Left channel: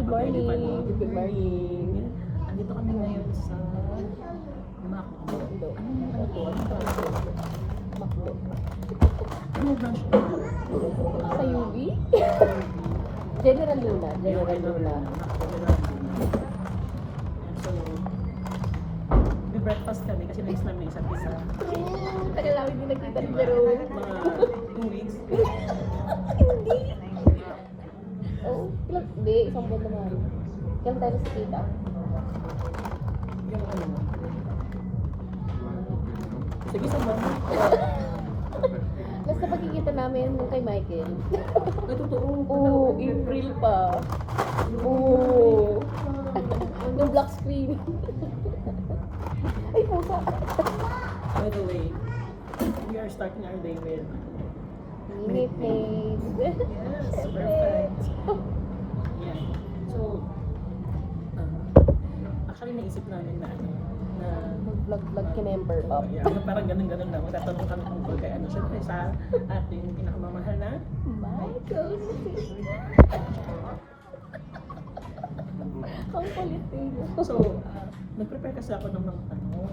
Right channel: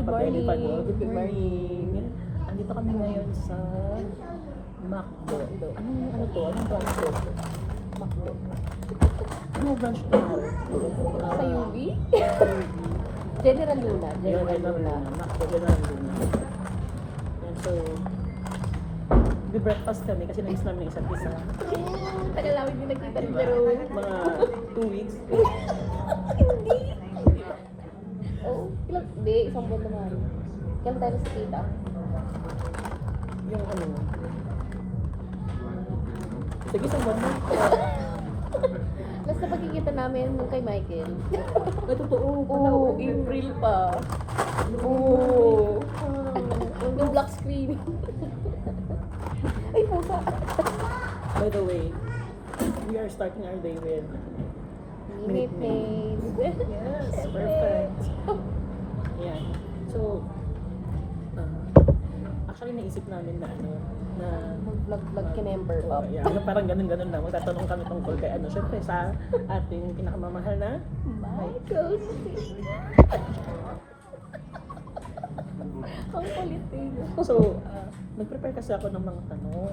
kapatid pa morning. doon. Good morning. Andito kami ngayon sa McDo. Ano to? Anong branch to? Makto. Anong branch to? Sa UV? General Luna. Ayun, General Luna. McDo General Luna. And so, breakfast kami kasi nais namin isa't isa. Tagal namin din nagkita rin Jerome. Mga 2 weeks. Hindi. Oo. Hindi, isang buwan naman. Kailan tayo sa kita? Yung ano. Sige, isang buwan mo. Basta pagkikita namin nung kay Michael. Ay, totoo. Oo, April pa. Oo. Yung black screen. Ay, tama. By the way, we are starting our day with Minute names. yes, perfect. Yan. So, actually naisip namin na ano, na Vlog ka number up. yeah, yung parang ganun-ganun lang. Magtatanong kami tungkol kay ano, syempre sa ating pinakamamahal na Michael. Ang kulit eh. So, nag-prepare kasi ako ng mga tanong.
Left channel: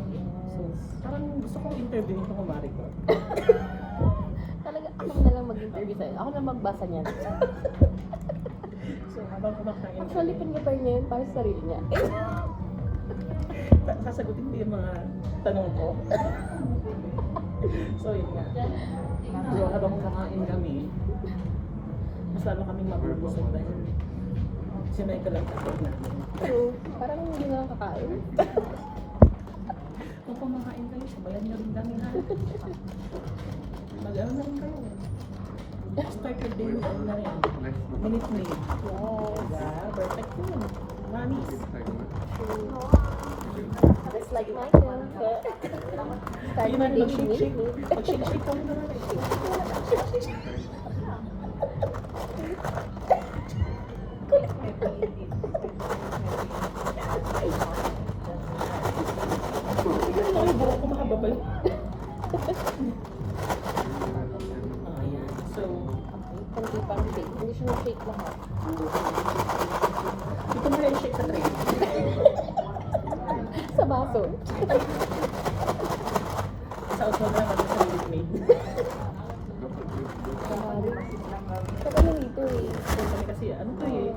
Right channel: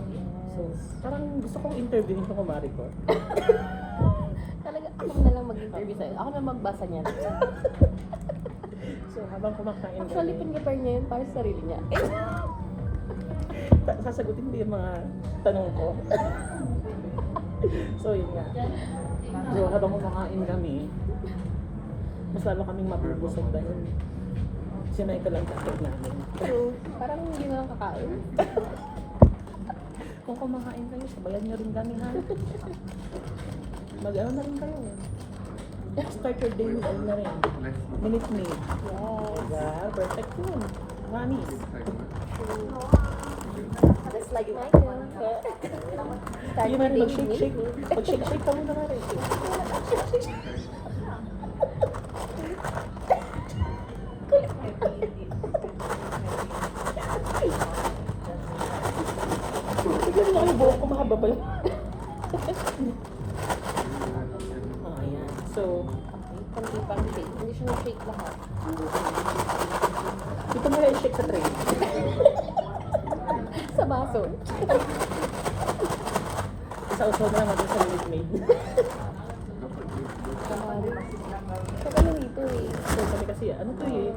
So, parang gusto kong interviewin ko kumari ko. Talaga, ako na lang mag-interview sa'yo. Ako na magbasa niyan. So, habang kumakain Actually, pin-prepare niya yun para sa sarili niya. sasagutin ko yung mga tanong ko. So, yun nga. So, habang kumakain kami, mas lalo kaming mapupusog dahil si Michael ang takip namin. So, parang hindi na lang kakain. Kung kumakain kayo, sabayan niyo rin kami ha. Mag-ano na rin kayo. Start your day with ano na rin. Minute me. Yes. Diba? Perfect yun. Mamis. Just like Michael. Start Yun your na, day with mag-shake-shake. me. Mag-shake-shake kami na rin. Bigyan mo ako buhok ko, mahaba pa yun. Ayan. So, Hindi pang shake. Hindi siya na-shake lahat. dito mo rin shake sa tray. Sa baso. Isa-usaw na naman sa milkmaid. Sabi na dito eh. So, sabi kasi, ano to eh?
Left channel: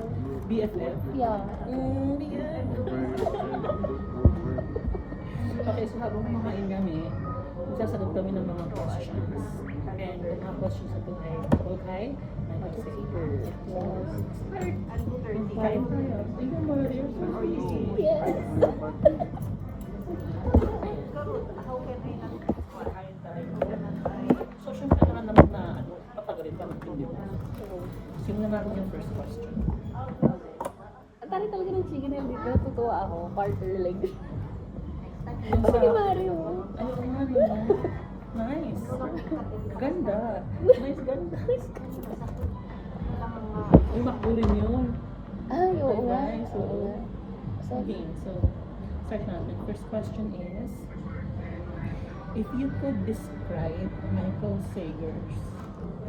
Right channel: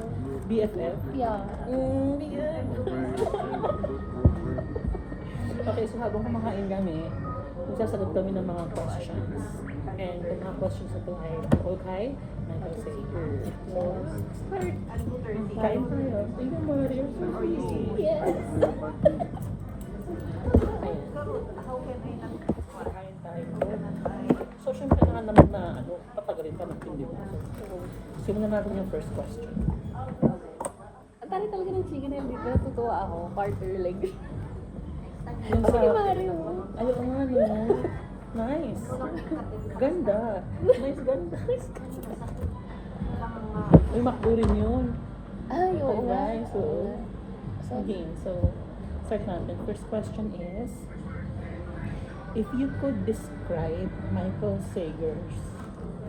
BFF? Yeah. BFF. Okay, so habang kumakain kami, magsasagot kami ng mga questions. And yung mga questions na ito ay okay, and I'll say, so, start. Kain tayo. Thank you, Mother. You're so sweet. Yes. Ayan. Kain tayo. So, syempre nakalaman na, ano, patagalit ka ng hindi mo. So, simulan natin yung first question. Ang tari talaga ng chicken and beef. Natutuwa ako. Partner lang. Yung sa, Ay, Mario. ayaw nga, no? Nice. Ganda. Nice, ganda. Nice. May McDo rin yun. Ay, oo nga. Alright, so, okay, so, start natin. First question is, if you could describe Michael Sager's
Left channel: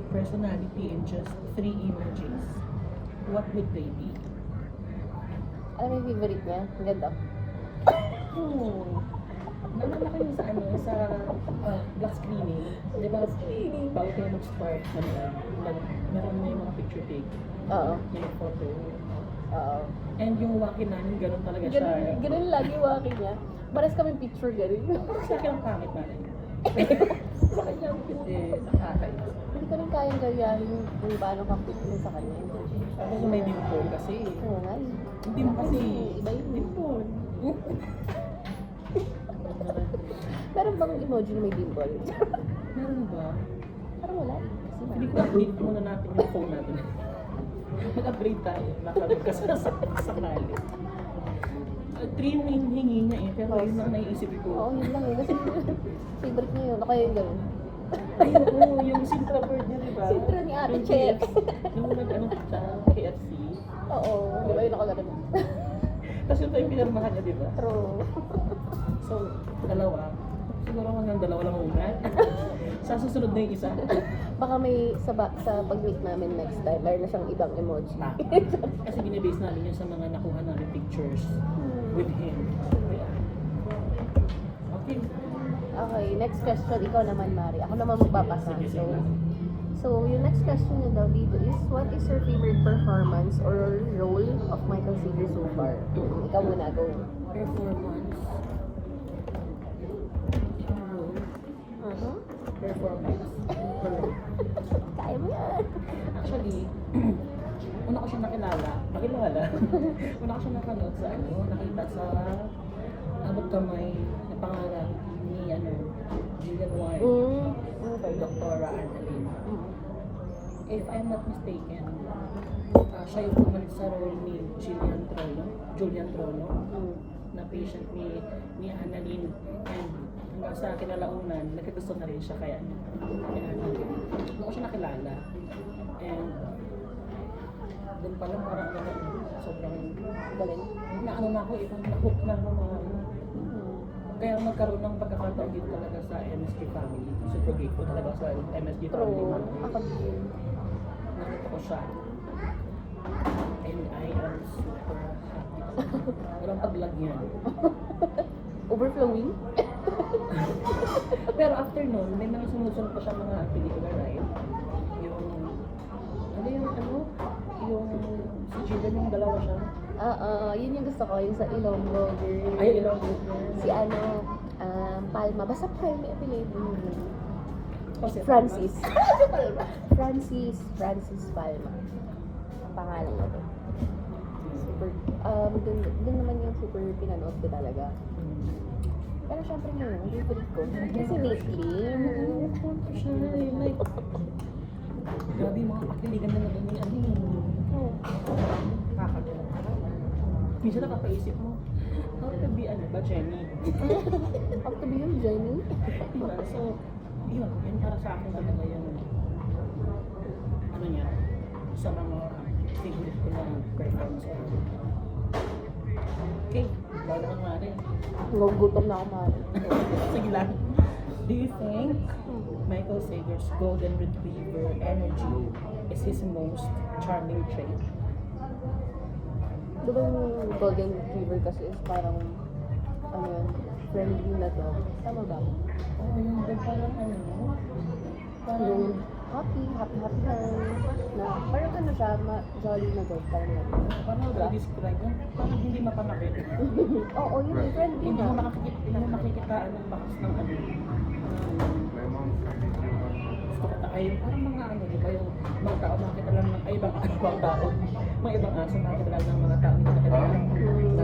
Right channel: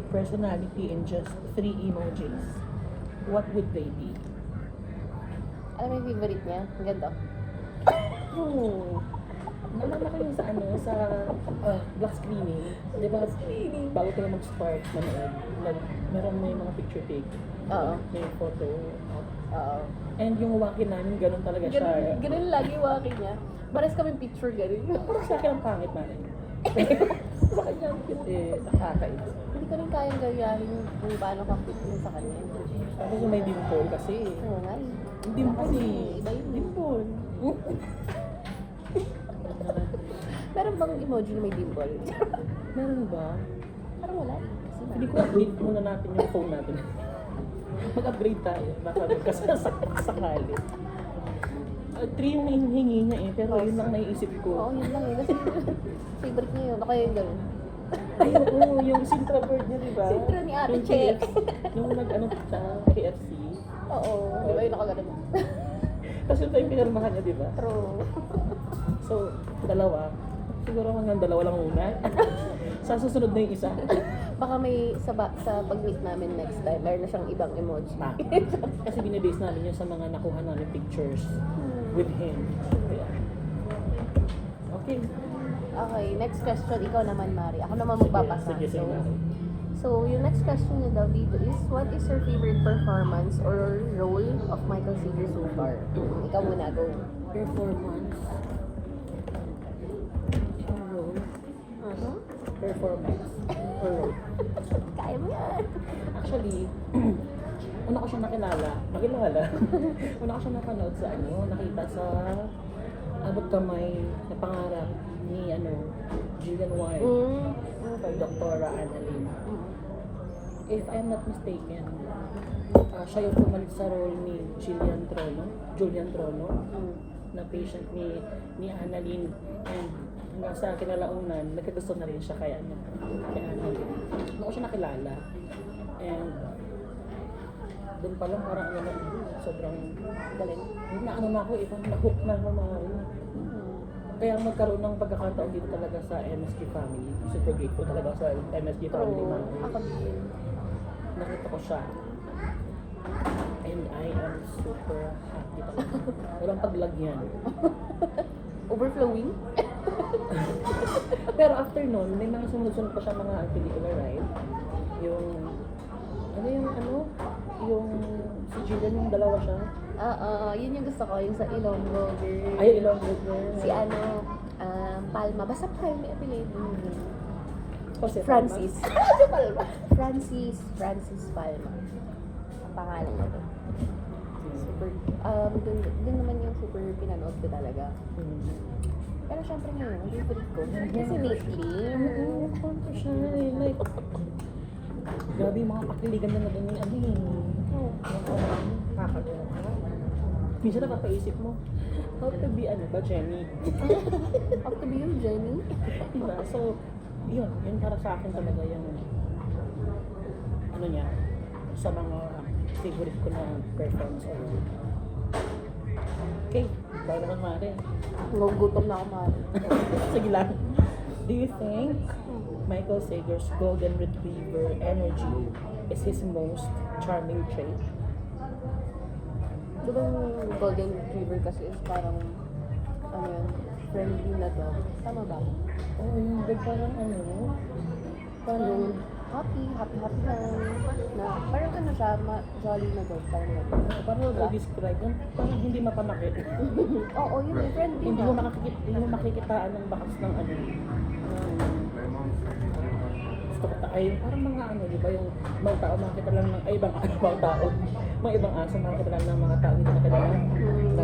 personality in just 3 emojis, what would they be? Alam mo yung favorite niya? Ang ganda. Oh, naman na kayo sa ano, sa black screening. Di ba, bago kayo mag-start, meron mo yung mga picture take. Oo. May photo. Oo. And yung wakin namin, ganun talaga siya. Ganun lagi yung wakin niya. Pares kami picture ganun. Sa akin ang pangit namin. Sa kanya, eh, nakakainis. Hindi ko rin kayang gayahin kung paano ka picture sa kanya. Tapos yung may dimple kasi. Oo nga. Yung dimple eh. Iba yung Dimple. Pero pang emoji may dimple. Meron ba? Parang wala eh. Kasi Hindi ko update muna natin yung phone natin. Mag-upgrade tayo. Baka sakali. 3 yung hingi niya eh, pero yun lang naiisip oo, ko. yun lang eh. Kasi favorite niya yun. O kaya yung gano'n. Ayun, yung Sintra board niya, di ba? Sintra ni Ate Yung Check. Yung nag-ano sa KFC. Oo. Di ba yung nakaganon? Tapos ito yung pinarmahan niya, di ba? True. So, dalawa. Siguro hanggang dalawa lang muna. So, Sa susunod na yung isa. Baka may sa pag-meet namin next time, meron na siyang ibang emoji. Kasi binibase namin yun sa mga nakuha namin pictures with him. Yeah. Okay. Okay, next question. Ikaw naman, Mari. Ako naman magbabasa. Sige, sige. So, yung next question niya daw dito is, what is your favorite performance or role of Michael Seeger so far? Ikaw muna, go. Performance. Ano? Performance. Or role. Kaya mo yan. Actually, una ko siya nakilala. Una ko siya napanood sa nakita sa abot kamay na pangarap ni Gillian White, Dr. Annalyn. If I'm not mistaken, siya yung pumalit sa role ni Julian Trono, na patient ni Annalyn, and hanggang sa kinalaunan, nagkagusto na rin siya kay Annalyn. Doon ko siya nakilala, and doon pa lang parang sobrang galing. Yung na ako, na-hook na ako Mari. Kaya magkaroon ng pagkakataon dito talaga sa MSG family. Super grateful talaga sa MSG family Mari. Nakita ko siya. And I am super happy talaga. Walang paglagyan. Overflowing? Pero after nun, may mga sumusunod pa siya mga particular, right? Yung si Jillian, yung dalawa siya. Yun yung gusto ko, yung sa Ilonggo. Ay, Ilonggo. Si Palma. Basta Palma yung apelido niya. Jose Francis. Si Palma. Francis Palma. Ang pangalan niya doon. Super. Doon naman yung super pinanood ko talaga. Pero syempre ngayon, ang favorite ko. Kasi Nicky. Nagpunto siya na eh. Like, grabe yung mga pakiligan na ganun nakakagawa ka. Minsan napapaisip mo, how to be Jenny? How to be your Jenny? Diba? So, yun para sa akin talaga yung niya, sa mga favorite ko na performance ko. Okay, ikaw naman Mari. Gugutom na ako Mari. Sige lang. Do you think Michael Sager's golden retriever energy is his most charming trait? Di ba yung golden retriever kasi is parang friendly na to? Tama ba? Oo, yung parang parang happy lang. Na, parang ano siya, jolly na dog. parang describe yung parang hindi mapanakit. Oo, yun yung friendly. Hindi mo makikitaan ng bakas ng gusto ko ay parang mga di ba yung mga tao makita lang ng ibang tao. Mga ibang aso makita lang ng mga tao dito nakita lang.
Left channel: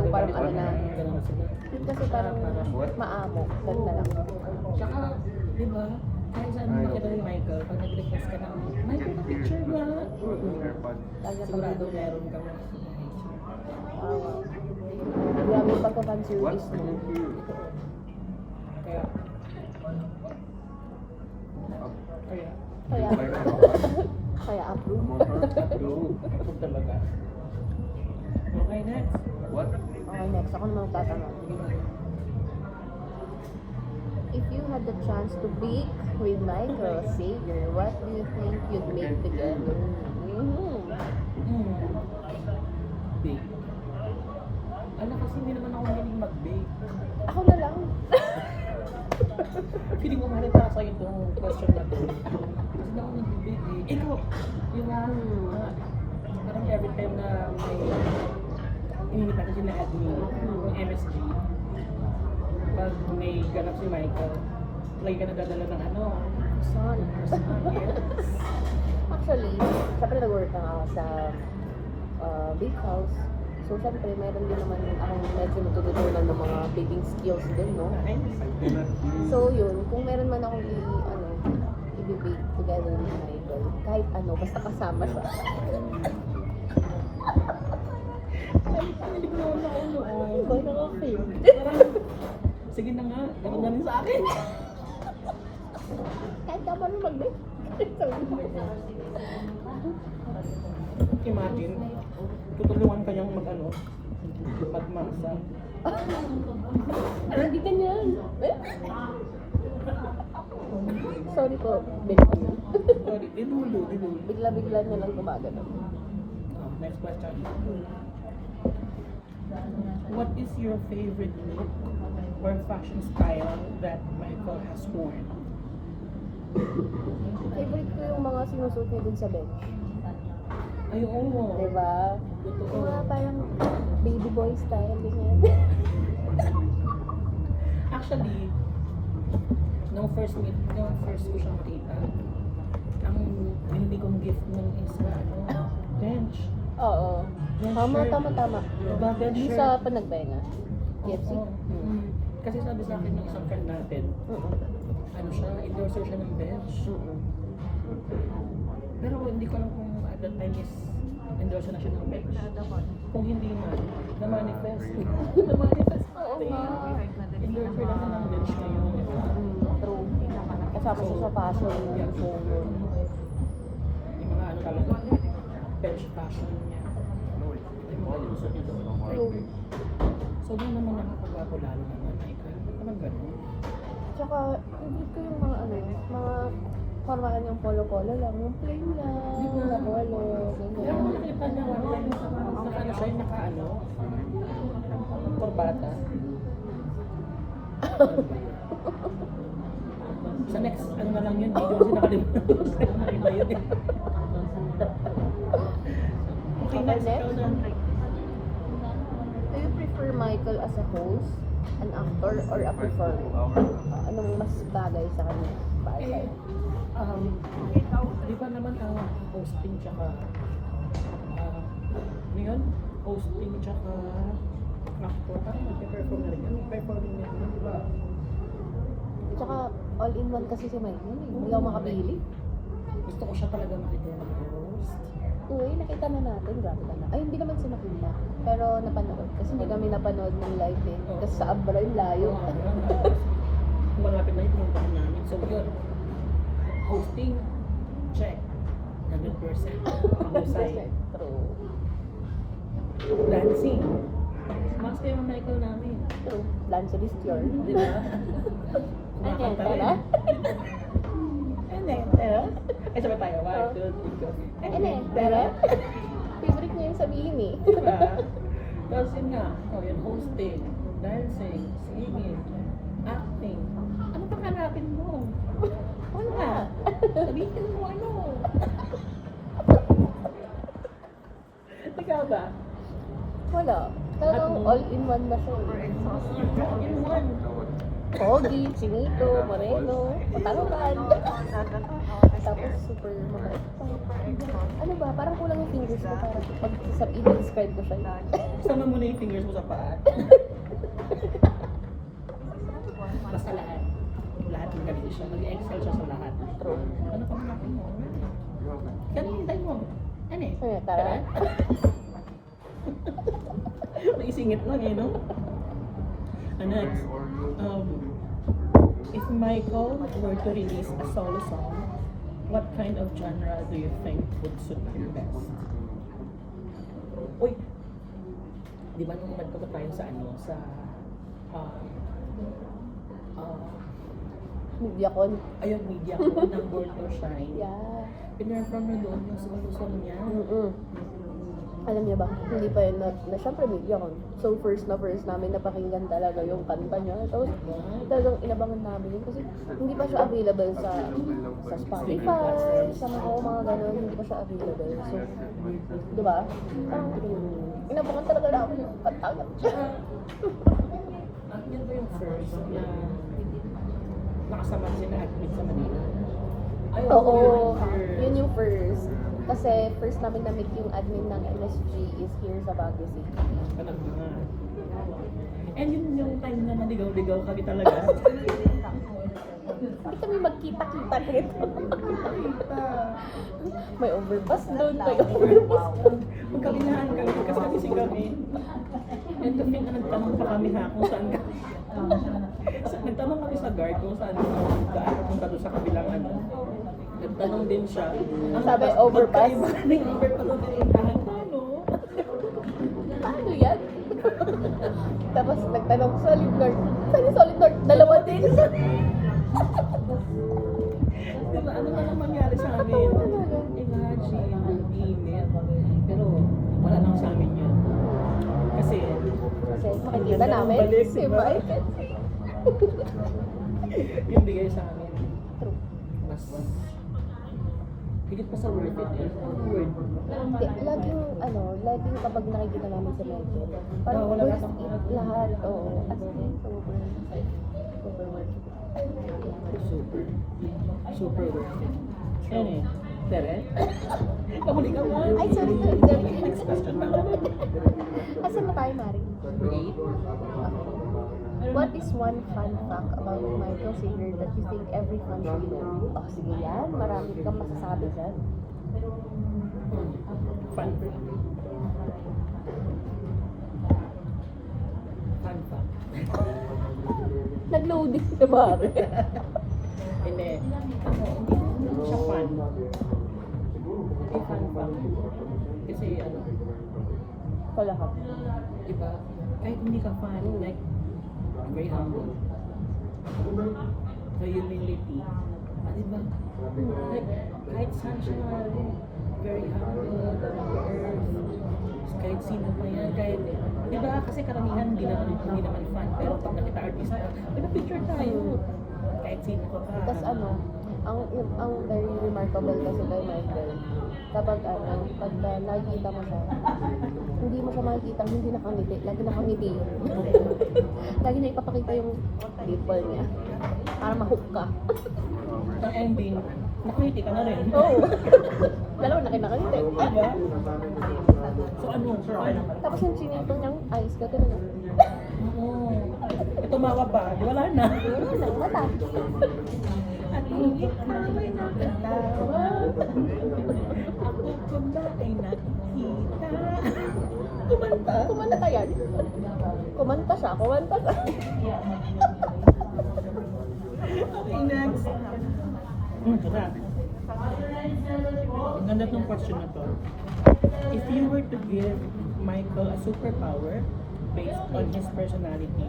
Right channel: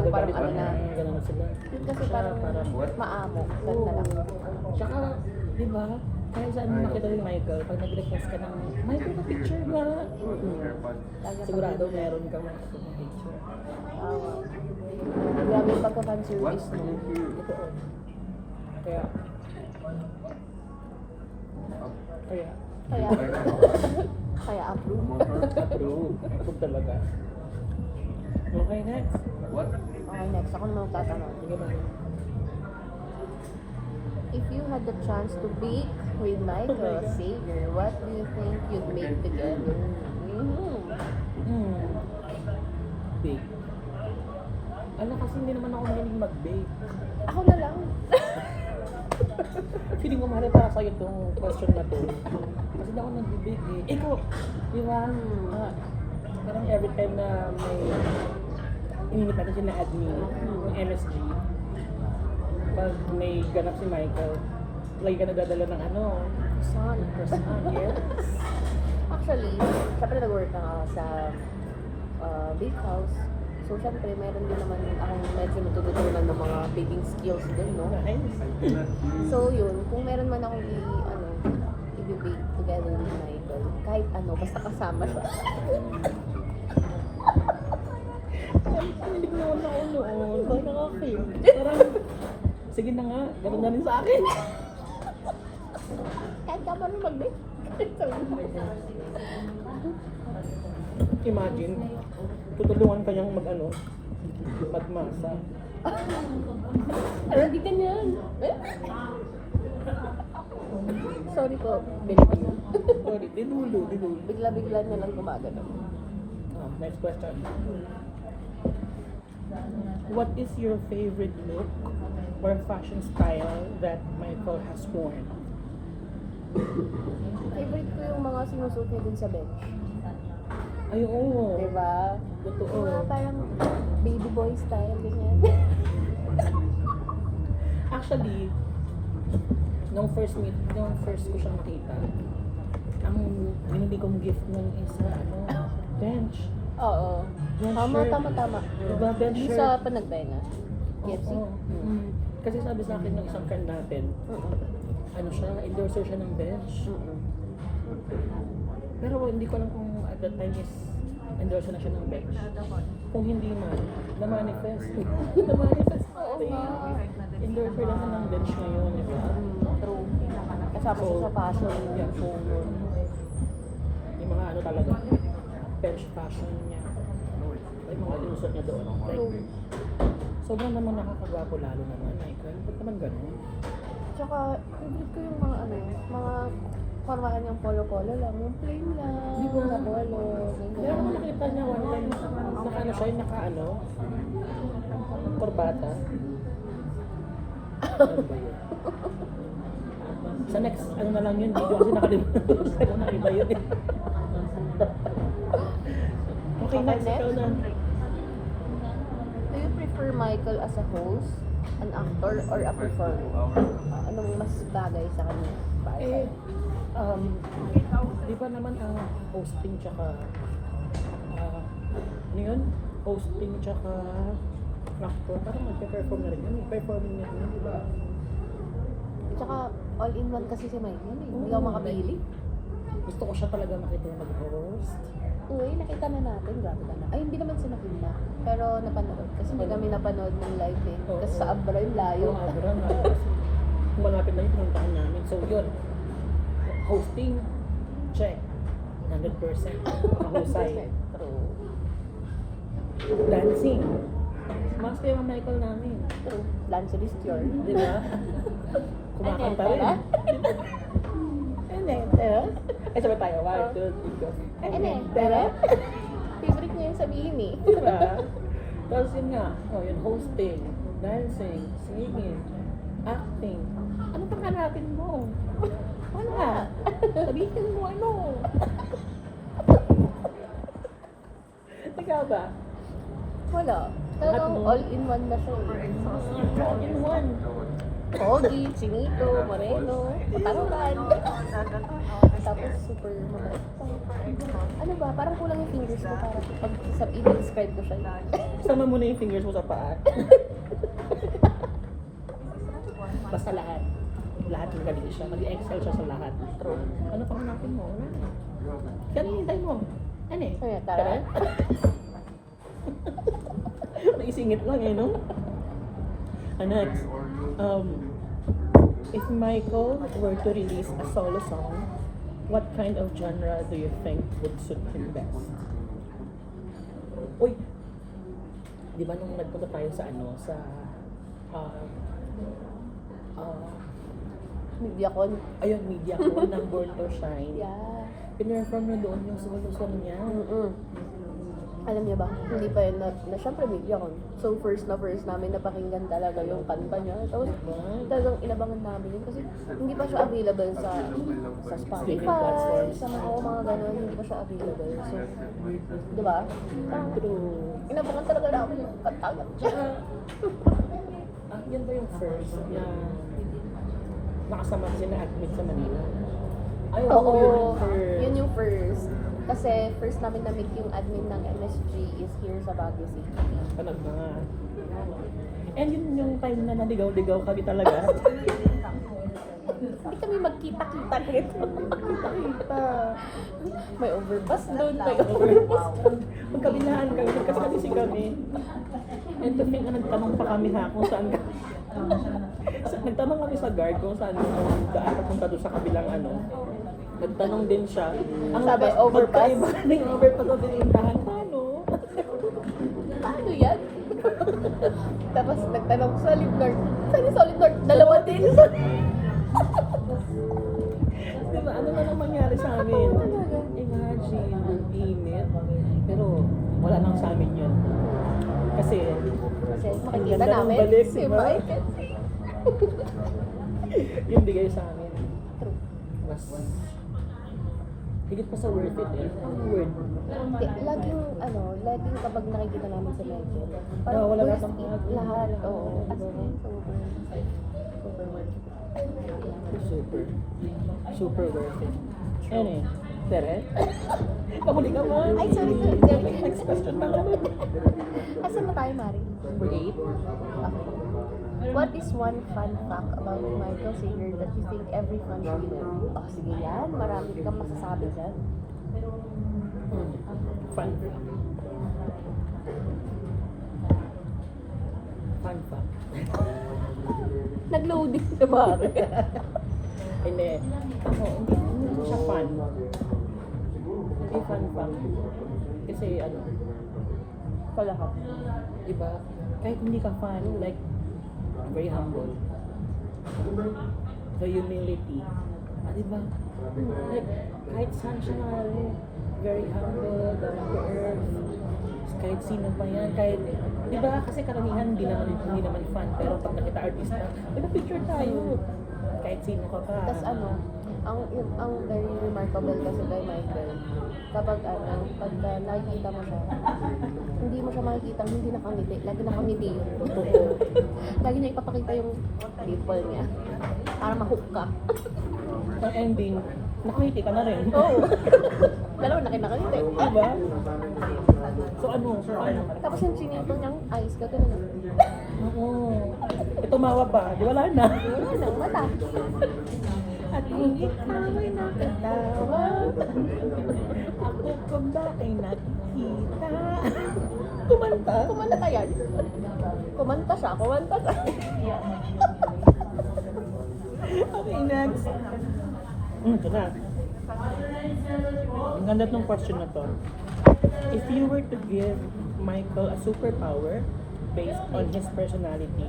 Parang ano na. Ganun na sila. Kasi parang maamo. Ganda lang. Tsaka, di ba? Kaya saan mo makita ni Michael, pag nag-request ka ng, Michael, pa-picture ba? Sigurado meron kang makikita ng picture. Grabe yung pagka-fan-service mo. Ito. Kaya approve. Approve talaga. Okay, next. Okay, next. Ako naman tatanong. Sige na. If you had the chance to bake with Michael Sager, what do you think you'd make together? Bake. Kasi hindi naman ako mahilig mag-bake. Ako na lang. Feeling ko mahal para sa'yo itong question na to. Kasi hindi ako nag-bake eh. Ikaw, di ba? Parang every time na may ininipan na siya na admin, yung MSG, pag may ganap si Michael, lagi ka nagdadala ng croissant, yes. Actually, syempre nag-work na ako sa bake house. So, syempre, meron din naman akong medyo natutunan ng mga baking skills din, no? Nice. So, yun, kung meron man akong i-bake together with Michael, kahit basta kasama siya. Hindi ko naman ako noon. Parang okay. Parang, sige na nga, gano'n na rin sa akin. Kahit ka pa rin mag-bake. Imagine, tutulungan ka niyang magmasa. Hindi ka niyan. So, Sorry po. Bigla. Okay, dinulo. Bigla-bigla na lang gumagano. Next question. What is your favorite look or fashion style that Michael has worn? Favorite ko yung mga sinusuot niya din sa bench. Ay, oo. Diba? Totoo. Yung mga parang baby boy style, ganyan. Actually, nung first ko siya makita, ang binili kong gift nun is bench. Oo. Bench Tama, shirt. tama. Diba, bench Yung shirt? sa Panagbena. Yes. Oo. Kasi sabi sa akin ng isang friend natin, ano siya, endorser siya ng bench. Pero hindi ko alam kung at that time is endorser na siya ng bench. Kung hindi man, na-manifest. Na-manifest Oo natin. nga. Endorser lang siya ng bench ngayon, di ba? True. Kasama siya sa fashion. Yeah, so, yung mga ano talaga, bench fashion niya. Yung mga linusot niya doon. Like, sobrang naman nakakagwapo lalo naman. Like, ba't naman gano'n? Tsaka, favorite ko yung mga mga paraan yung polo-polo lang. Yung plain lang, Di ba? na polo. Pero kung nakita niya one time, naka ano siya, naka ano, korbata. Ano ba yun? Sa next, ano na lang yun, video kasi nakalimutan ko sa'yo na iba yun eh. Okay, next, ikaw na. Do you prefer Michael as a host, an actor, or a performer? Anong mas bagay sa kanya? Eh, di ba naman ang hosting tsaka, ano yun? Hosting tsaka actor, parang magpe-perform na rin yun. Performing yun, di ba? Tsaka all-in-one kasi si Michael. Hindi ako makapili. Gusto ko siya talaga makita na mag-host. Uy, nakita na natin. Grabe ka na. Ay, hindi naman siya nakita. Pero napanood. Kasi hindi kami napanood ng live eh. Oo. Kasi sa Abroad, layo. Oo, abra na. Kasi kung malapit na yung pinuntahan namin. So yun, hosting, check. 100%. Mahusay. True. Dancing. Mas kayo ang Michael namin. True. Dancer is your. Di ba? Kumakanta rin. Ano? Pero? Ay, sabay tayo. 1, 2, 3, go. Pero? Favorite niya yung sabihin eh. Diba? Tapos yun nga, yung hosting, dancing, singing, acting. Ano pang hanapin mo? Wala. Sabihin mo ano. Ikaw ba? Wala. Talagang all-in-one na siya eh. All in one. Pogi, Chinito, Moreno, Katarungan. Tapos super mabait pa. Ano ba? Parang kulang yung fingers ko para pag i-describe ko siya. Sama mo na yung fingers mo sa paa. Basta lahat. Lahat magaling siya. Mag-excel siya sa lahat. Ano pang hanapin mo? Kaya tayo mo. Ano eh? Kaya tara. Naisingit lang eh, no? Next, if Michael were to release a solo song, what kind of genre do you think would suit him best? Uy, di ba nung nagpunta tayo sa Mediacon. ayun, media ko ng Born to Shine. Yeah. Pinerform niya doon yung solo song niya. Alam niya ba, hindi pa yun na syempre Mediacon. So first namin napakinggan talaga yung kanta niya. Tapos talagang inabangan namin yun kasi hindi pa siya available sa Spotify, sa mga gano'n, hindi pa siya available. So, di ba? Parang inabangan talaga namin yung kanta niya. Yan ba yung first na nakasama sila admin sa Manila? Ay, Oo, first. yun yung first. Kasi first namin na-meet yung admin ng MSG is here sa Baguio City. Talaga nga. And yun yung time na naligaw-ligaw kami talaga. Hindi kami magkita-kita rin. May overpass doon, may overpass doon. Magkabilahan kami, nagkasabisi kami. And to think na nagtanong pa kami ha kung saan ka. Nagtanong kami sa guard kung saan daan papunta doon sa kabilang ano. Nagtanong din siya. Ang Sabi, overpass? magkaiba ng overpass na dinihan. Paano? Paano yan? Tapos nagtanong solid north. Saan yung solid north? Dalawa din. ang init. Pero wala lang sa amin yun. Kasi Kasi makikita Ganda ng namin balik, si diba? Michael. yung bigay sa amin. Mas higit pa sa worth it eh. Ang worth. Laging kapag nakikita namin si Michael, parang wala worth lang it lahat. Oo, as in, Super. Super worth it. Ano eh? Tere? Pahuli ka man. Ay, sorry. Next question na. Asan na tayo, Mari? Number 8. What is one fun fact about Michael Sager that you think every fan should know? Oh, sige yan. Marami kang masasabi dyan. Fun fact. Fun fact. Nag-loading si Mari. Hindi. Hindi siya fun. Hindi fun fact. Kasi ano, Kalahap. diba? Kahit hindi ka fan, like, very humble. The humility. Diba? Like, kahit saan siya nakari, very humble, down to earth. Kahit sino pa yan, kahit, diba? Kasi karamihan hindi naman fan, pero pag nakita artista, picture tayo. Kahit sino ka pa. Tapos ang very remarkable kasi kay Michael, kapag pagka nakikita mo siya, hindi mo siya makikita, hindi nakangiti. Lagi nakangiti yun. Lagi niya ipapakita yung dimple niya. Para ma-hook ka. Ang ending, nakangiti ka na rin. Oo. Dalawa nakita-ngiti. Diba? So ano? Tapos yung chinito niyang eyes, gano'n na. Oo. Tumawa pa, di wala na. Yun ang mata. At higit na may nakalawa. Ako ka ba ay nakita? Kumanta? Kumanta yan. Kumanta siya. Okay, next. Ito na. Ang ganda tong question na to. If you were to give Michael a superpower based on his personality,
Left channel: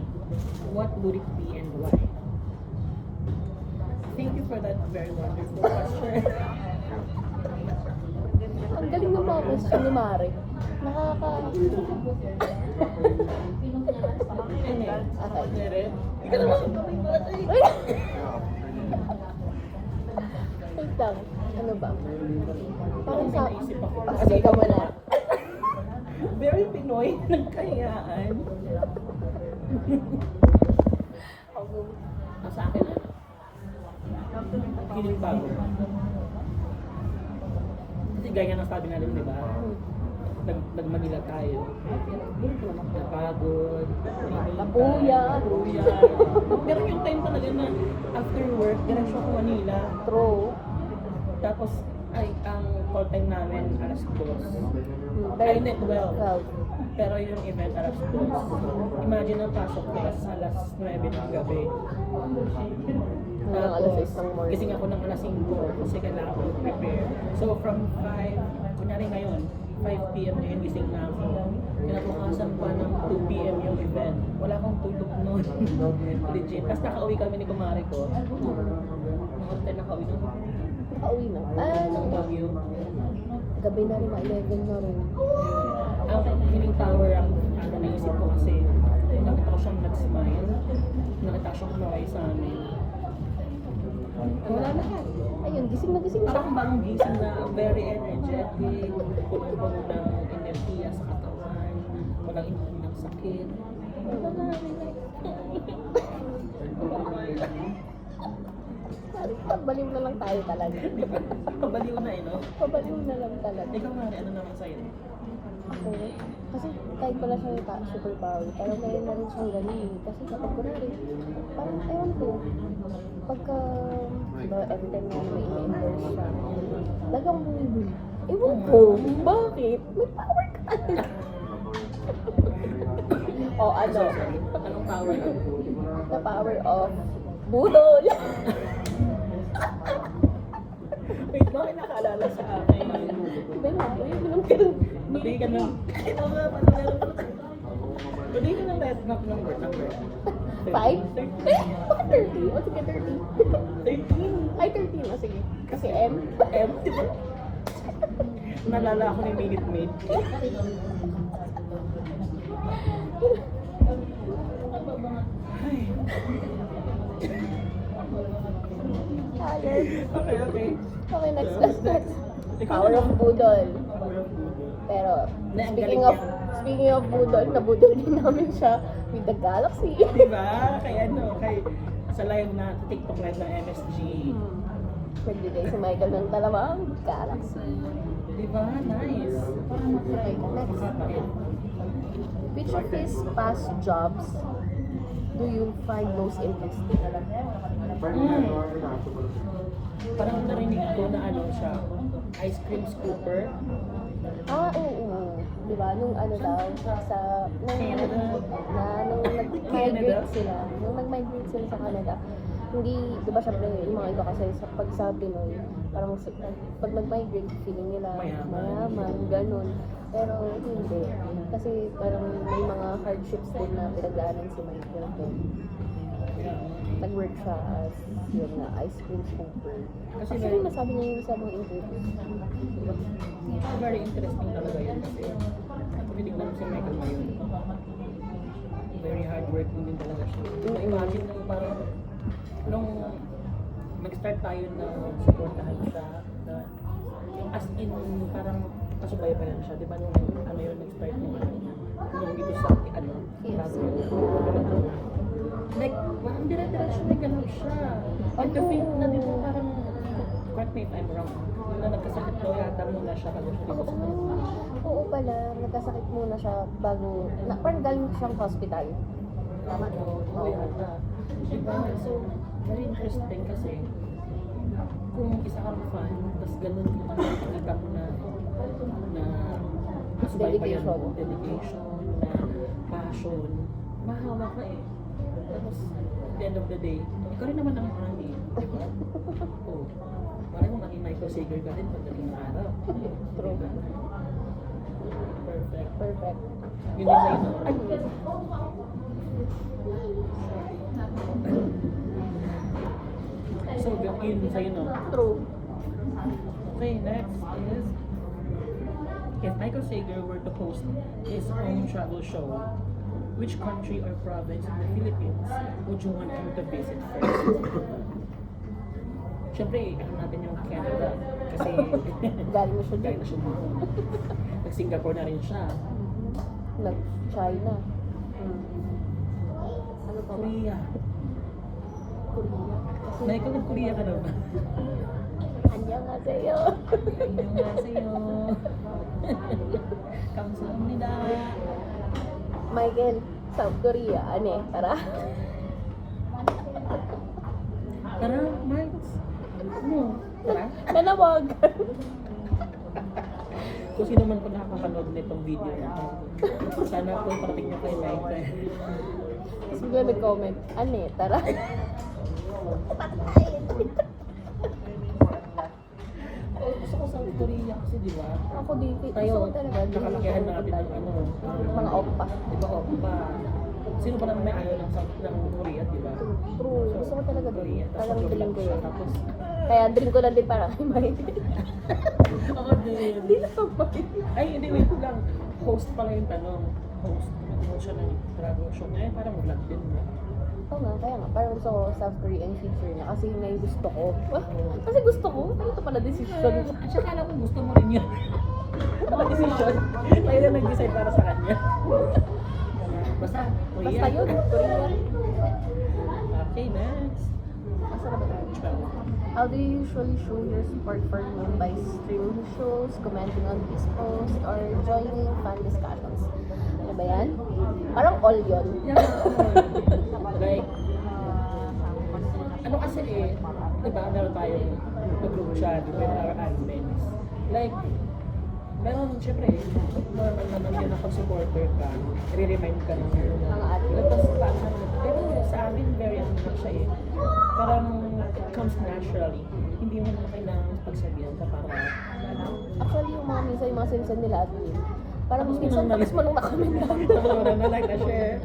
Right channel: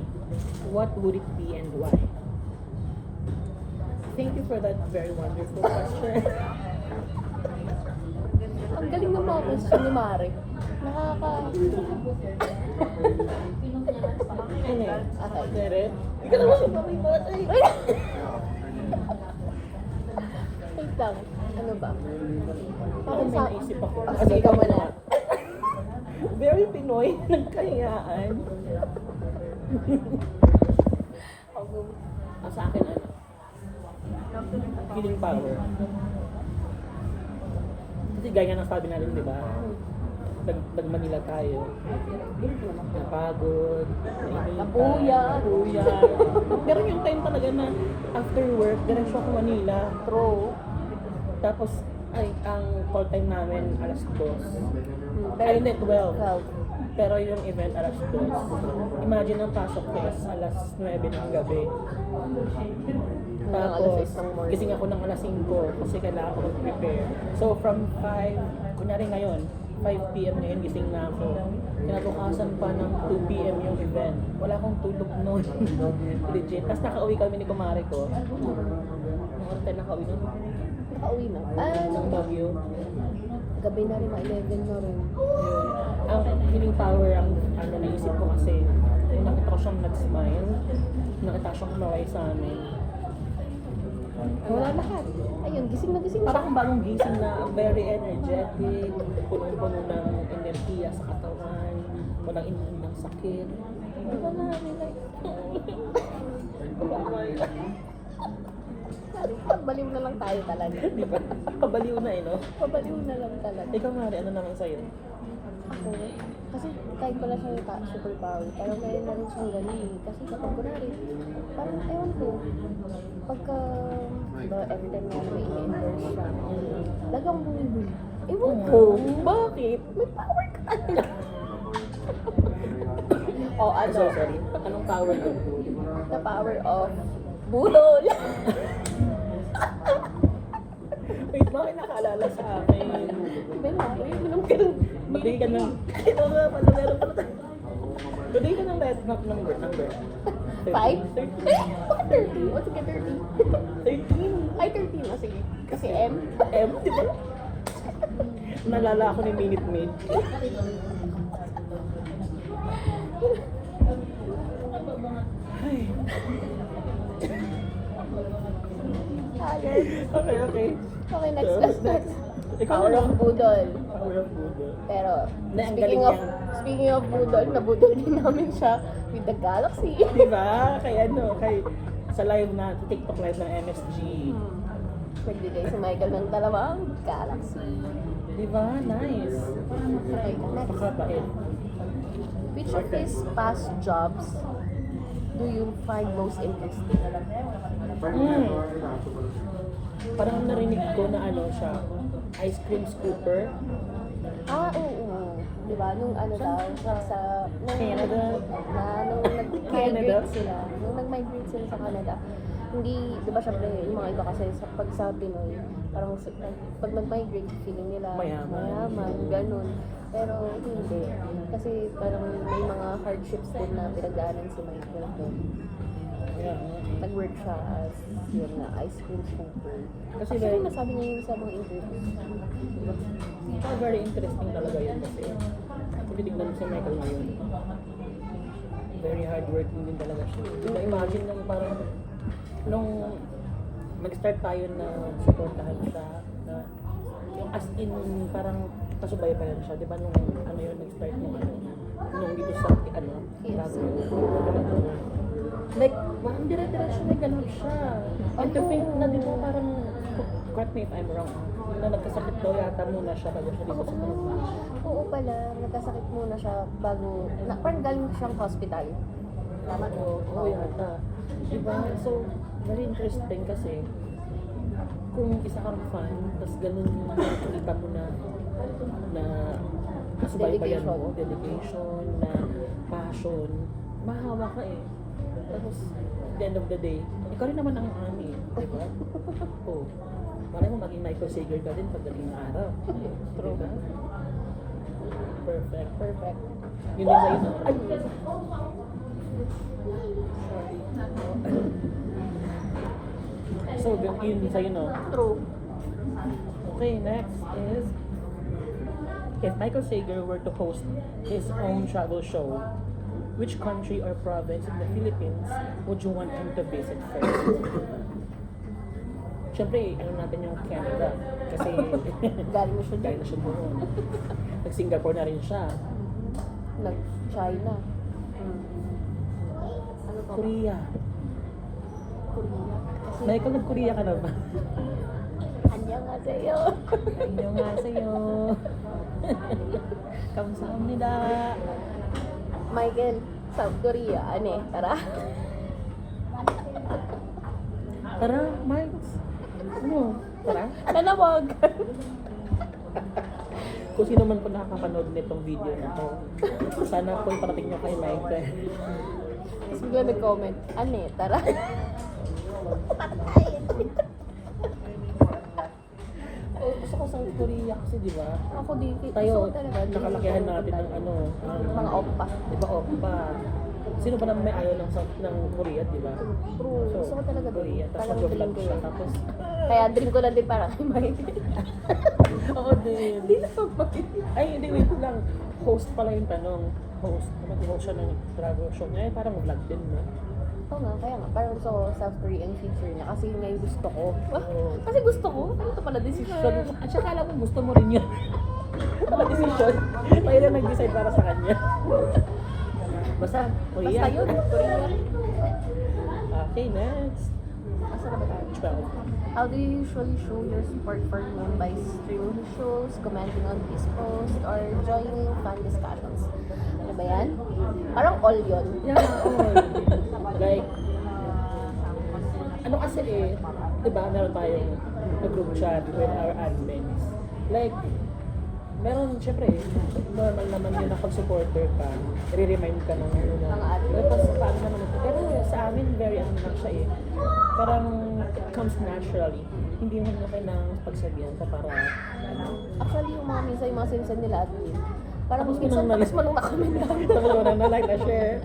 what would it be and why? Thank you for that very wonderful question. Ang galing ng mga question ni Mare. Ano eh? Okay. Tere? Hindi ka naman sabay ba? Wait lang. Ano ba? Parang may naisip ako. Ah, sige, ikaw muna. Very Pinoy, nagkayaan. Sa akin, ano? Feeling power. Kasi gaya ng sabi natin, di ba? Pag Manila tayo, napagod, Napuyat. Pero yung time talaga na after work, diretso ako Manila. True. Tapos, ang call time namin, alas 2. Ay, hindi, 12. Well, Pero yung event, alas 2. Imagine ang pasok ko is alas 9 ng gabi. hanggang alas 6 Tapos, ng morning. gising ako ng alas 5 kasi kailangan ko mag-prepare. So, from 5, kunyari ngayon, 5 p.m. ngayon, gising na ako. Kinabukasan pa ng 2 p.m. yung event. Wala akong tulog noon. Legit. Tapos nakauwi kami ni kumare ko. Nung arte nakauwi nun. Nakauwi na. Nung Baguio. Gabi na rin, 11 na rin. Ang feeling power ang ano naisip ko kasi nung nakita ko siyang nag-smile, nakita ko siyang kumaway sa amin. Wala lahat. Ayun, gising na gising siya. Parang bagong gising na very energetic, punong-puno ng enerhiya sa katawan, walang inuwi ng sakit. Diba na, Pabaliw na lang tayo talaga. diba? Kabaliw na eh, no? Pabaliw na lang talaga. Ikaw nga, ano naman sa'yo? Ako, kasi kahit pala siyang superpower, parang kaya na rin siyang galing. Kasi kapag kunwari, parang ewan ko, pagka na-enter na may endorse siya, lagang bumibili. Ewan ko, bakit? May power ka talaga. O ano, So, sorry. Anong power yun? the power of budol. Wait, bakit nakaalala sa akin? Ganun. Bigay ka ng... Ito nga, panalala pa tayo. Bigay ka ng number. 5? Bakit 30? O sige, 30. 13. Ay, 13 na, sige. Kasi M. M, di ba? Nalala ako ni Minute Maid. Ay. Ayun. Okay, okay. Okay, next. Ikaw Power na. of Budol. Power of Google. Pero, Hindi, ang speaking galing of speaking of Budol, nabudol din namin siya with the Galaxy. Diba? Sa live na, TikTok live ng MSG. Nagbigay si Michael ng dalawang Galaxy. Diba? Nice. Okay, next. Makabait. Which of his past jobs do you find most interesting? Parang narinig ko na ano siya, ice cream scooper. Ah, oo. Diba? Nung ano daw, sa... Canada. Nung nag-migrate sila. Nung nag-migrate sila sa Canada, hindi, di ba syempre, yung mga iba kasi pag sa Pinoy, parang pag nag-migrate, feeling nila mayaman, ganun. Pero hindi. Kasi parang may mga hardships din na pinagdaanan si Michael doon. Yeah. Nag-work siya as yun na, ice cream scooper. Kasi Kasi very, nasabi niya yung sa mga interviews. very interesting talaga yun kasi tinitingnan mo si Michael ngayon. Very hardworking din talaga siya. Na-imagine nung parang nung nag-start tayo na supportahan siya na yung as in parang kasubaybayan siya, di ba nung ano yun nag-start yung ano nung dito sa ano like parang dire-diretso na ganun siya and to think na di ba parang correct me if I'm wrong na nagkasakit daw yata muna siya bago siya dito sa Manila. Oo pala, nagkasakit muna siya bago, parang galing siyang hospital. Tama no? Oo yata. Diba? So, very interesting kasi kung isa kang fan, tas ganun yung nakikita mo na subaybayan mo, dedication, na passion, mahawa ka eh. Tapos, at the end of the day, ikaw rin naman ang ani, diba? Oo. Parang mo maging Michael Sager ka din pagdating ng araw. Diba? Perfect. Perfect. Yun din sa'yo na. Ay! So, yun sa'yo no? True. Okay, next is if Michael Sager were to host his own travel show, which country or province in the Philippines would you want him to visit first? Siyempre, alam natin yung Canada kasi Galing siya galing na siya doon. Nag-Singapore na rin siya. Nag-China. Korea. Michael, nag-Korea ka na ba? 안녕하세요. 안녕하세요. 감사합니다. Michael, South Korea. Ane, tara. Tara, Mike. Ano? Tara? Kanawag. Kung sino man po nakakapanood nitong video na to, sana po iparating nyo kay Michael. Tapos bigla nag-comment, ane, tara. Oh, gusto ko South Korea kasi di ba? Ako dito. Tayo, gusto ko talaga. nakalakihan natin ng ano, Mga oppa. di ba, oppa. Sino ba naman may ayaw ng South ng Korea, di ba? True. Gusto ko talaga doon. Korea, tapos Parang mag-vlog dream ko siya, yun. tapos Kaya dream ko lang din para kay Michael. oo din. Hindi na ako mag- Ay, hindi, wait lang. Host pala yung tanong. Host. Mag-host siya ng travel show. Ngayon parang vlog din, no? Oo nga, kaya nga. Parang so South Korean future niya. Kasi yun nga yung gusto ko. Oo. Kasi gusto ko. Ito pala decision. At saka alam ko gusto mo rin yun. Wala decision. Tayo na nag-decide para sa kanya. Basta, Korea. Basta yun. Korea. Okay, next. Asa ka ba tayo? 12. How do you usually show your support for Globe by streaming shows, commenting on his posts, or joining fan discussions? Ano ba yan? Parang all yun. Yeah, all. Like, ano kasi eh, di ba, meron tayong group chat with our admins. Like, meron, syempre, normal naman yun na pag-supporter ka, i-remind ka ng ano na. Tapos, paano naman, pero sa amin, very ano lang siya eh. Parang, it comes naturally. Hindi mo na kailangan pagsabihan ka para, Actually, yung mga minsan, yung mga sinusend nila admin. Parang Tapos minsan, pinang- tapos pa nung nakamit na. tapos mo na like na share.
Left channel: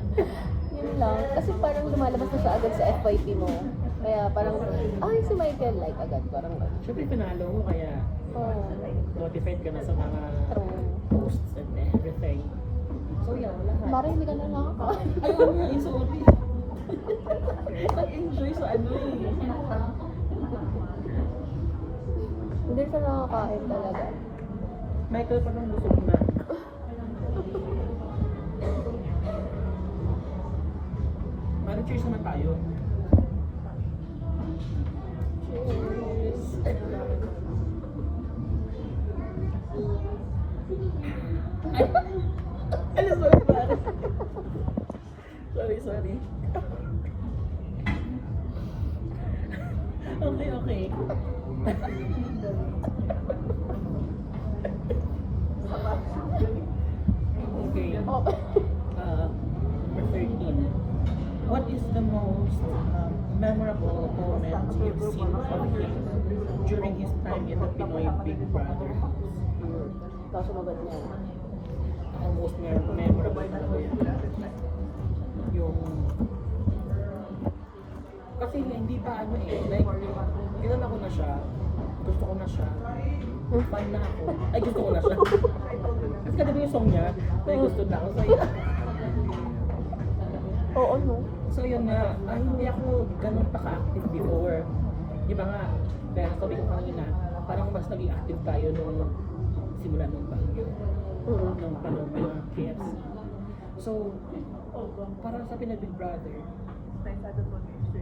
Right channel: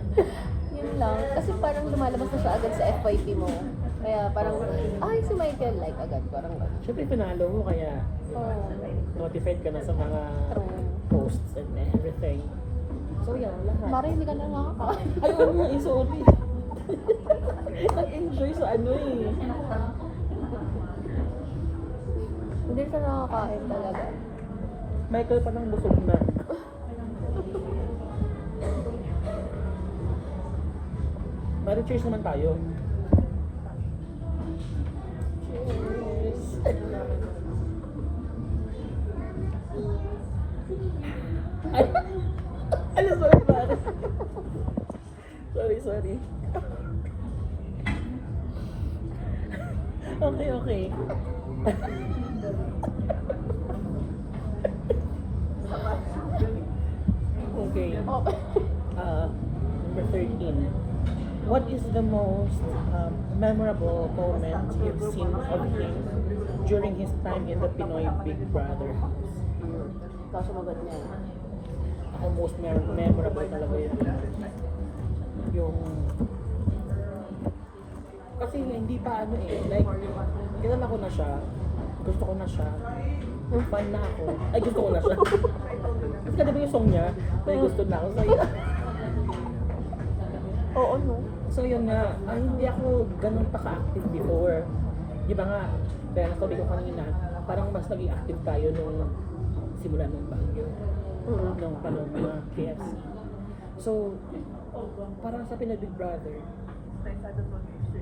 Yun lang. Kasi parang lumalabas na siya agad sa FYP mo. Kaya parang, ay, si Michael, like agad. Parang, Syempre, pinalo mo, kaya, di ba? oh. notified ka na sa mga posts and everything. So yeah, lahat. Mara, hindi ka na nakakain. Ay, ano nga, sorry. Nag-enjoy sa ano eh. Hindi siya nakakain talaga. Michael pa nang busog na. Pero cheers naman tayo. Cheers. Ay, ano, sorry pare. Sorry. Okay. Okay. Oh. Number 13. What is the most memorable moment you've seen of him during his time in the Pinoy Big Brother house? Ikaw sumagot niya. Ako most memorable talaga yun. Yung... Kasi hindi pa ano eh, like, kilala ko na siya, gusto ko na siya, fan na ako, ay gusto ko na siya. Kasi diba yung song niya, ay gusto na ako sa'yo. Oo, no? So yun nga, hindi ako ganun pa ka-active before. Di ba nga, dahil sabi ko kanina, parang mas naging active tayo nung simula ng bagyo. Nung parang mga KFC. So, parang sa Pinoy Big Brother,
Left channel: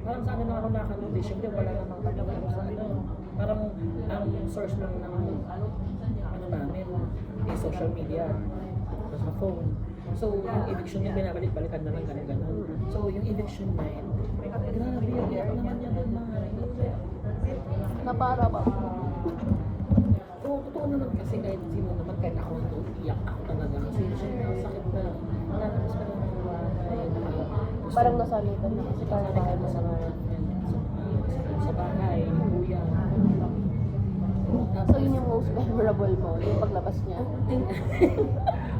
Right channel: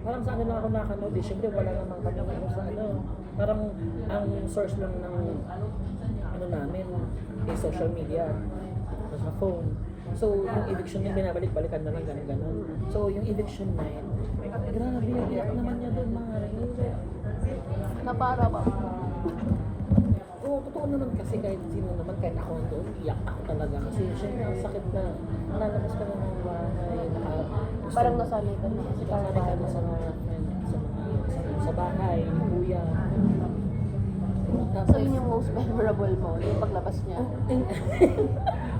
parang sa ano lang ako nakanood, syempre wala namang kami ngayon sa ano. Parang ang source lang ng ano namin, is social media, nasa phone. So, yung eviction niya, binabalik-balikan naman, gano'n. So, yung eviction niya, grabe, iyak naman niya doon, mga rin. Na para ba? Oo, totoo naman kasi kahit sino naman, kahit ako doon, iyak ako talaga. Kasi syempre, ang sakit na, nalalabas ko naman yung bahay, Parang nasanay ka na kasi parang nakakita na sa mga friends, sa bahay, yung kuya. So yun yung most memorable mo, yung paglabas niya.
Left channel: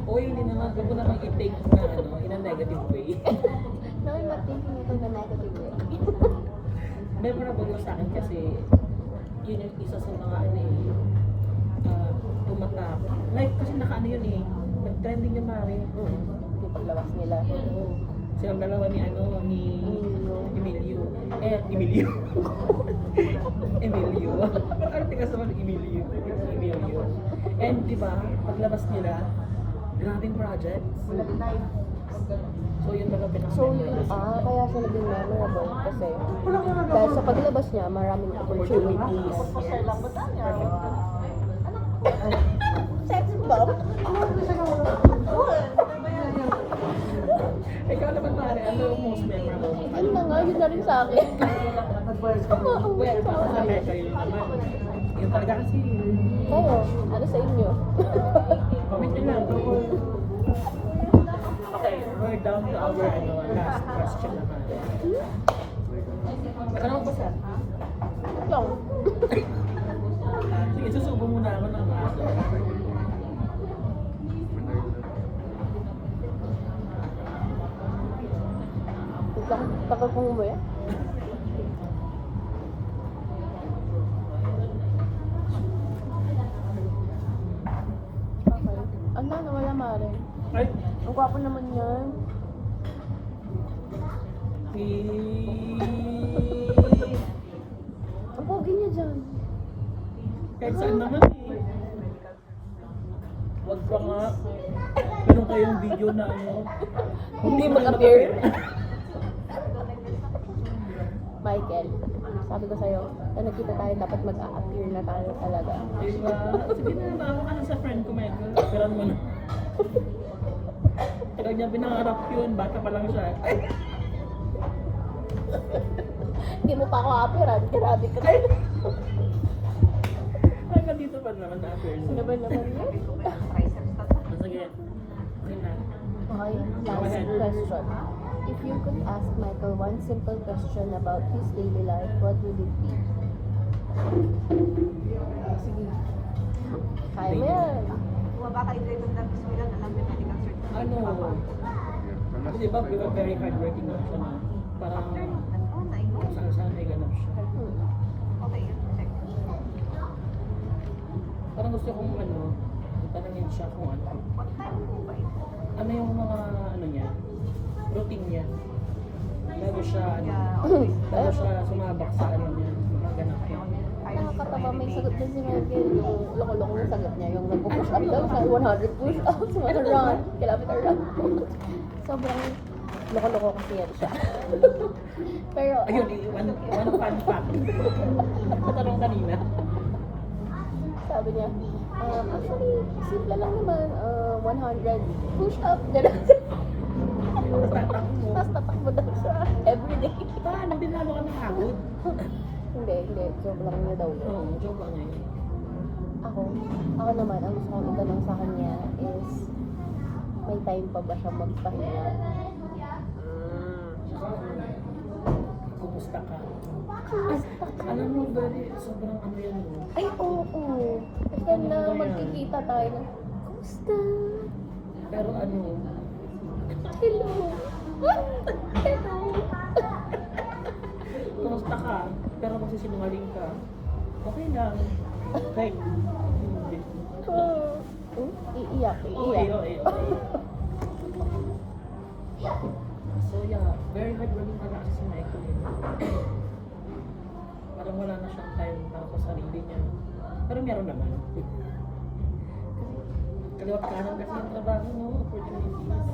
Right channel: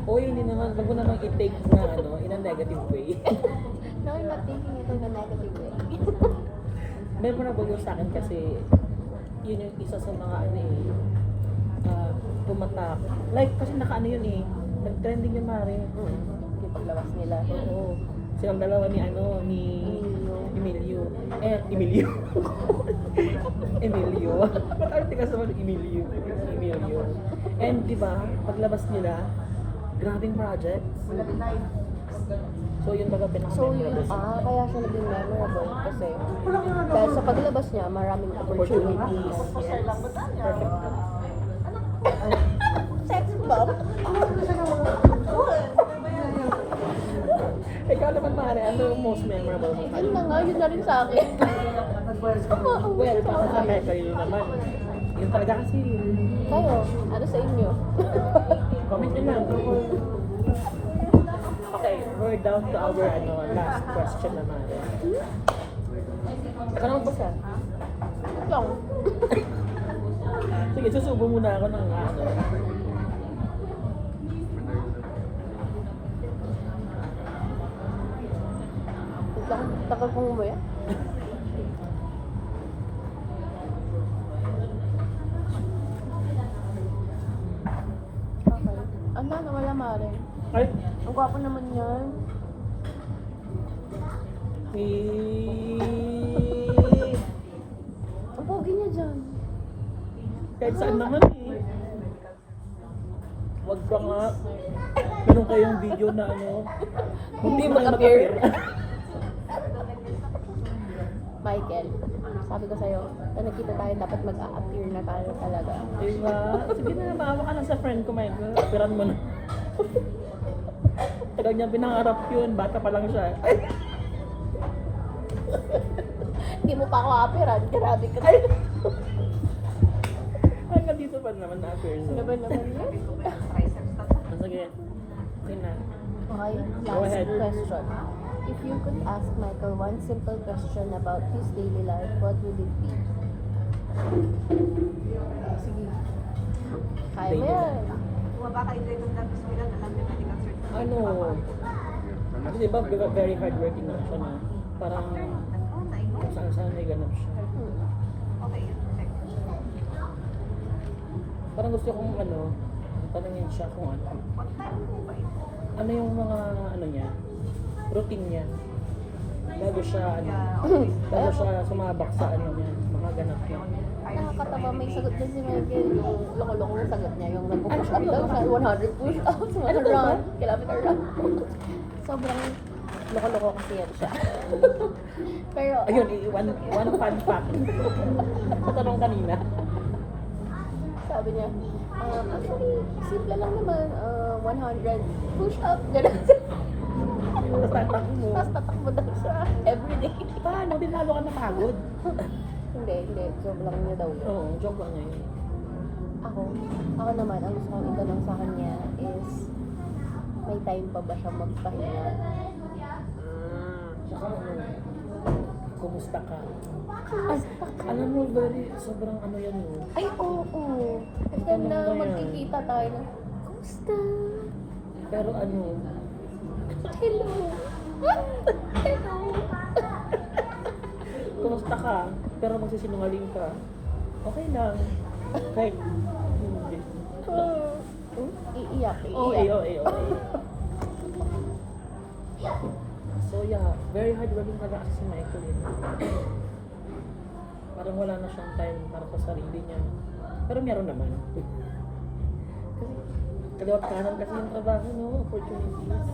O hindi naman, wag mo namang i-take na ano, in a negative way. No, I'm not taking it in a negative way. Memorable yung sa akin kasi yun yung isa sa mga ano eh, tumatak. Like, kasi naka-ano yun eh, nag-trending yung mare. Yung paglabas nila. Oo. Silang dalawa ni ano, ni Emilio. Emilio. Emilio. Arte ka sa Emilio. And di ba, paglabas nila, grabing projects. So yun baga So yun, pinaka-memorable. kaya siya naging memorable kasi dahil sa paglabas niya, maraming opportunities. Opportunities. Yes. Perfect. Sex bomb? Ikaw naman pare, ano yung most memorable mo? Ano na nga, yun na rin sa akin. Well, para sa akin, kayo naman. Yun talaga kasi, Kayo, ano sa inyo? comment din lang. Okay, we're down to our last question naman. Nakarang ba saan? Yung, Sige, susubo muna ako ng ano. tagal kong umuwi. Okay. Ano, nawala mare. Ay, Ang gwapo naman yan. Ang pogi niya dyan. kahit saan naman eh. Wag ka nga. Ano kayong video na ano? Hindi ka mag-appear. mag-appear. Michael, sabi ko sa'yo, na nagkita tayo, dapat mag-a-appear na tayo talaga. Diba? Sige na, maawa ka na sa friend ko, Michael. Appearan mo na. Tagal niya pinangarap yun, bata pa lang siya. Ay! Hindi mo pa ako appearan, grabe ka. Hanggang dito pa naman na-appear. So, Ano ba naman yun? sige. Okay na. Okay, Go ahead. last question. If you could ask Michael one simple question about his daily life, what would it be? Sige. Kaya mo yan. Ano? Di ba, very hardworking na siya na. Parang kung saan-saan may ganap siya. Parang gusto kong tanungin siya kung ano yung mga niya, routine niya. Bago siya sumabak sa mga ganap niya. Nakakatawa, may sagot din si Michael. Yung loko-loko na sagot niya. Yung nag-push up daw siya, 100 push ups, 1 run, kilometer run. Sobrang loko-loko kasi yan siya. Pero, Ayun, one fun fact. Sa tanong kanina. sabi niya, actually, simple lang naman, 100 push up, gano'n. Tapos tatakbo mo. Tapos tatakbo daw siya, everyday. Paano din lalo ka napagod? Hindi, joke lang niya daw yun. Oo, joke lang niya yun. Ako naman, ang gusto kong itanong sa kanya is, may time pa ba siya magpahinga? Kumusta ka? Ay, Alam mo, sobrang yan mo. ay, oo. And then, magkikita tayo na, kumusta? Pero Hello. Hello. kumusta ka? Pero magsisinungaling ka. Okay lang. Kahit, Iiyak. oo. So yeah, very hardworking talaga kasi si Michael. Parang wala na siyang time para sa sarili niya. Pero meron naman. Kasi, kaliwat kanan kasi yung trabaho, opportunities.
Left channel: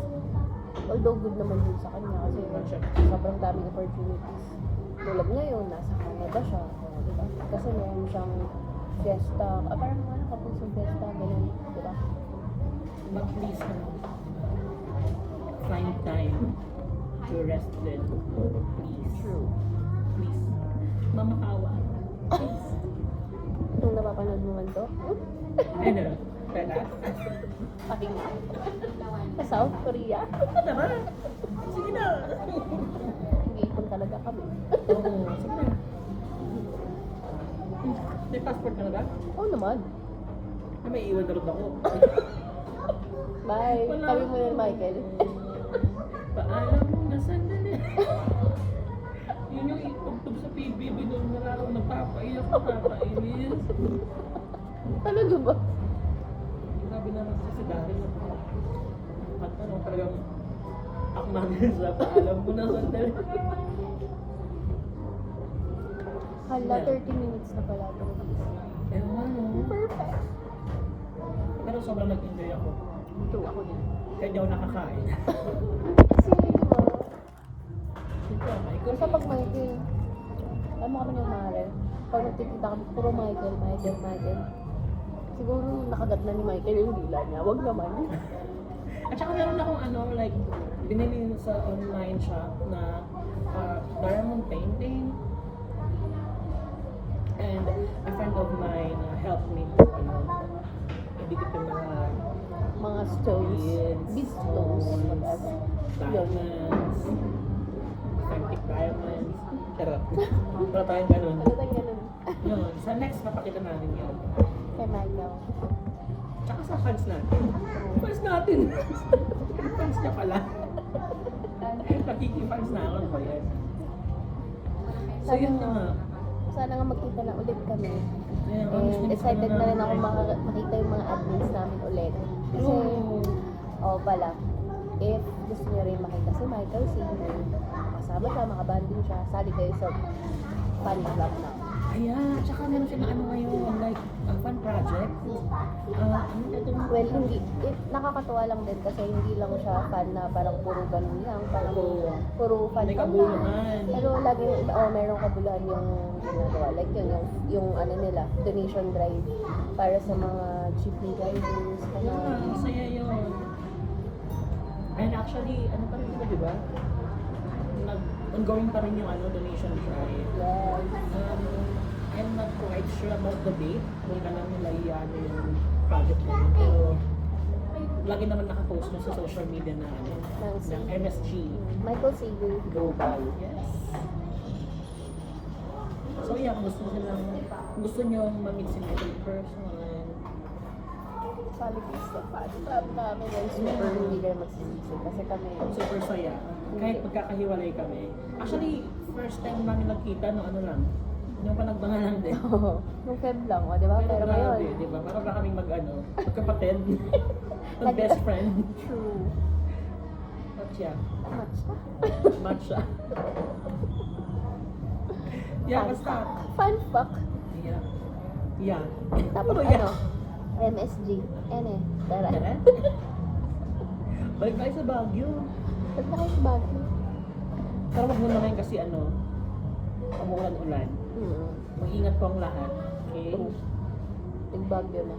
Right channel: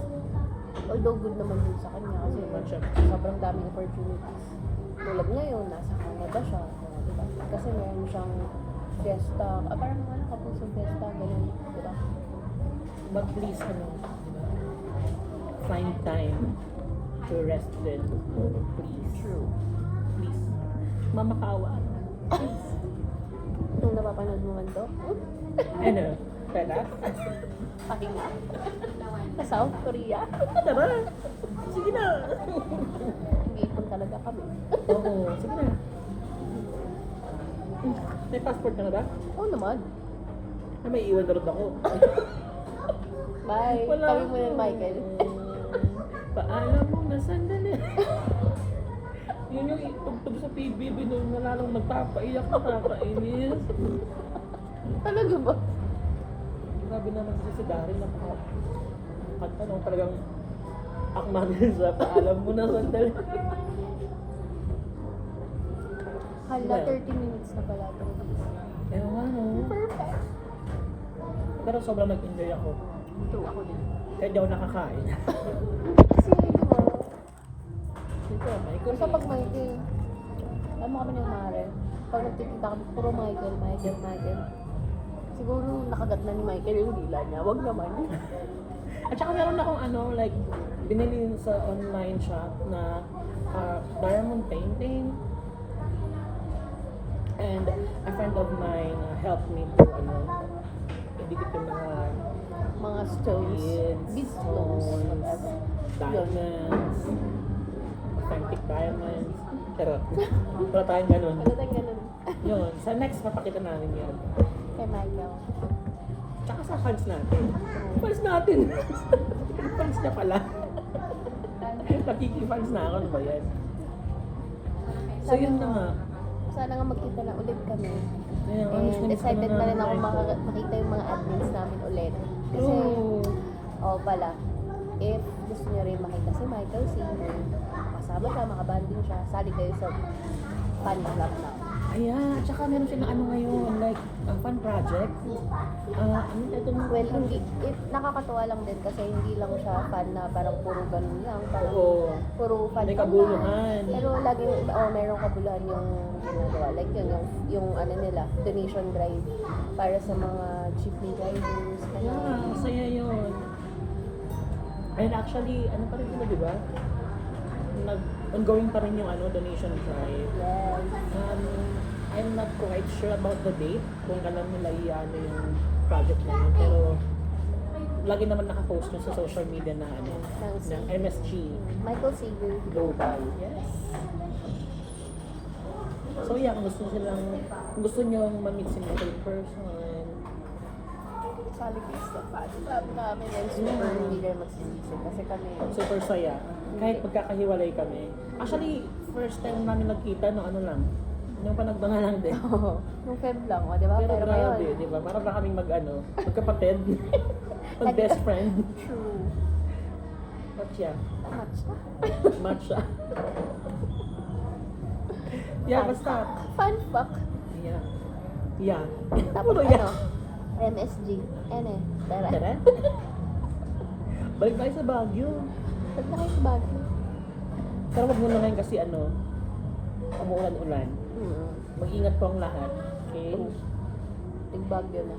Although good naman yun sa kanya kasi Naman siya. sobrang daming opportunities. Tulad ngayon, nasa Canada siya. Diba? Kasi meron siyang Fiesta. Parang kapag sa Fiesta, ganun. Diba? But please, find time to rest din. Please. Mamakawa. Kung napapanood mo man to, Ano? Kala? pakinggan. Sa South Korea. Tara! Sige na! Ipon talaga kami. Oo, sige na. May passport ka na ba? Oo naman. Ay, may iwan na rin ako. Bye. Wala Kami muna ni Michael. Paalam mo na sandali. Yun yung itugtog sa PBB nung nalalong nagpapaiyak, nakakainis. Talaga ba? Sabi naman si Gary, kanta nung talagang akma din sa paalam mo na sandali. Hala, 30 minutes na pala ito. Ewan, Perfect. Pero sobrang nag-enjoy ako. Ito ako yan. Kaya di ako nakakain. Kasi, Ito, Michael. basta pag Michael, alam mo kami ng mare, pag nagkikita kami, puro Michael. Siguro nakagat na ni Michael yung dila niya, wag naman. At saka meron akong binili sa online shop na diamond painting. And a friend of mine helped me to ibigay ko Mga stones, bead stones, whatever. diamonds, authentic diamonds. Pero tayong ganun. Ano tayong ganun? Yun, sa next papakita namin yun. Kay Michael. Tsaka sa fans natin. Fans natin! Fans niya pala. Nakiki-fans na ako, ano ba yan? So yun na nga. Sana nga magkita na ulit kami. Ayun, And excited na rin ako makita yung mga admins namin ulit. Kasi, pala, if gusto nyo rin makita si Michael, makasama siya, makabanding siya, sali kayo sa fan club na. Ayan, tsaka meron siya na ngayon, like, fun project. Ano ito mo? Well, nakakatuwa lang din kasi hindi lang siya fan na parang puro ganun lang, parang Oo. puro fan May lang. kabuluhan. Pero laging, merong kabuluhan yung ginagawa. Like yung nila, donation drive para sa mga jeepney drivers. Yeah, masaya yun. And actually, ano pa rin yun, di ba? Ongoing pa rin yung donation drive. Yes. I'm not quite sure about the date, kung kailan nila yung project na yun. Pero, lagi naman nakapost yun sa social media na ng MSG Michael Seagull. Global. Yes. So yeah, kung gusto nyo mag-meet si Michael in person, Sabi ko sa fan club namin and super hindi kayo magsisisi kasi kami super saya. Kahit magkakahiwalay kami. Actually, first time namin nagkita, Yung panagbangan lang din. Oo. Nung Feb lang, o, di ba? Pero Pero grabe, ngayon, di ba? Para ba kaming magkapatid? Mag-best friend. true. What siya? Match. Match siya. Yeah, basta. Fun fact. Yeah. Yeah. Tapos Puro ano? MSG. Tara. Tara. Balik tayo sa Baguio. Ba't na kayo sa Baguio? Pero wag muna ngayon kasi umuulan-ulan. Mag-ingat po ang lahat. Okay? Tig-Baguio na.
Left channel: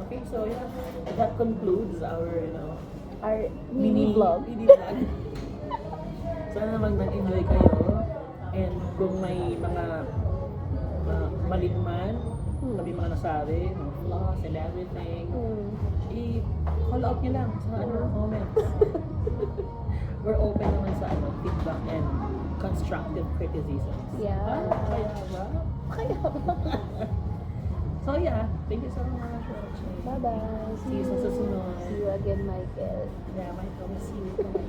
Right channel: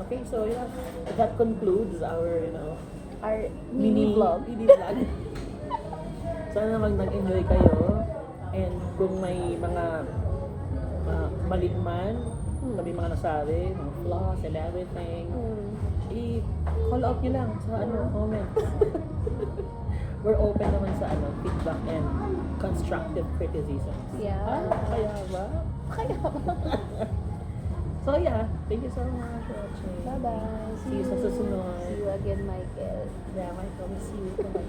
Okay, so yeah. That concludes our, Our mini vlog. Mini vlog. Sana naman nag-enjoy kayo. And kung may mga mali man, may mga nasabi, flaws and everything, i-call out nyo lang sa comment. We're open naman sa feedback and constructive criticism. Yeah. Kaya ba? Kaya ba? So yeah, thank you so much for watching. Bye-bye. See you sa susunod. See you again, Michael. Yeah, my promise. See you.